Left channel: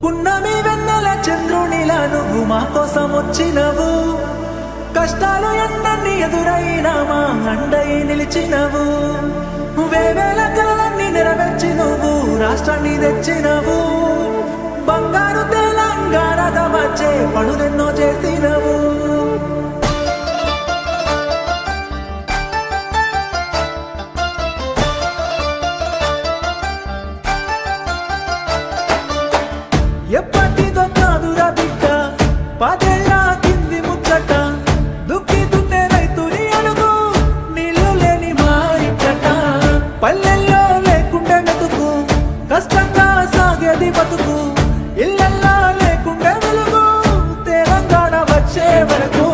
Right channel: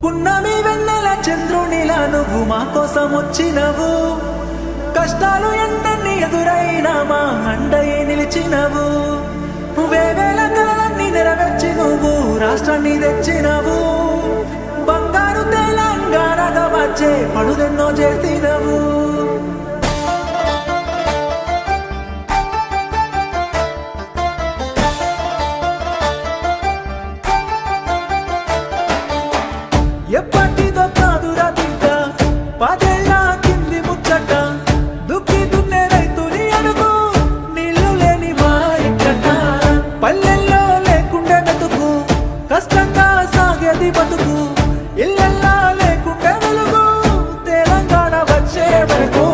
పున్నమి వెన్నెల చంద్రునిలా నువ్వు మా కోసం వచ్చినవు, కష్టాలు ఎన్నన్ని ఎదురైనా మా అండయి నిలిచినవు, వేవేల కలలన్నీ నెరవేర్చి నువ్వు రాష్ట్రాన్ని తెచ్చినవు, బంగారు తెలంగాణగా వచ్చే పనులెన్నో చేసినవు. ఎప్పటిదో కాదురా బిడ్డ పదేళ్ళ కింది ముచ్చట, దుక్కి దున్నే రైతుని అడుగు నీళ్లు లేని మా ఇక్కట, పల్లెల్లో లేకుండే మెతుకు కష్టంగా సాగేది బతుకు, ఇళ్ళల్లా లేకుండే వెలుగు తెలంగాణ వచ్చే వరకు.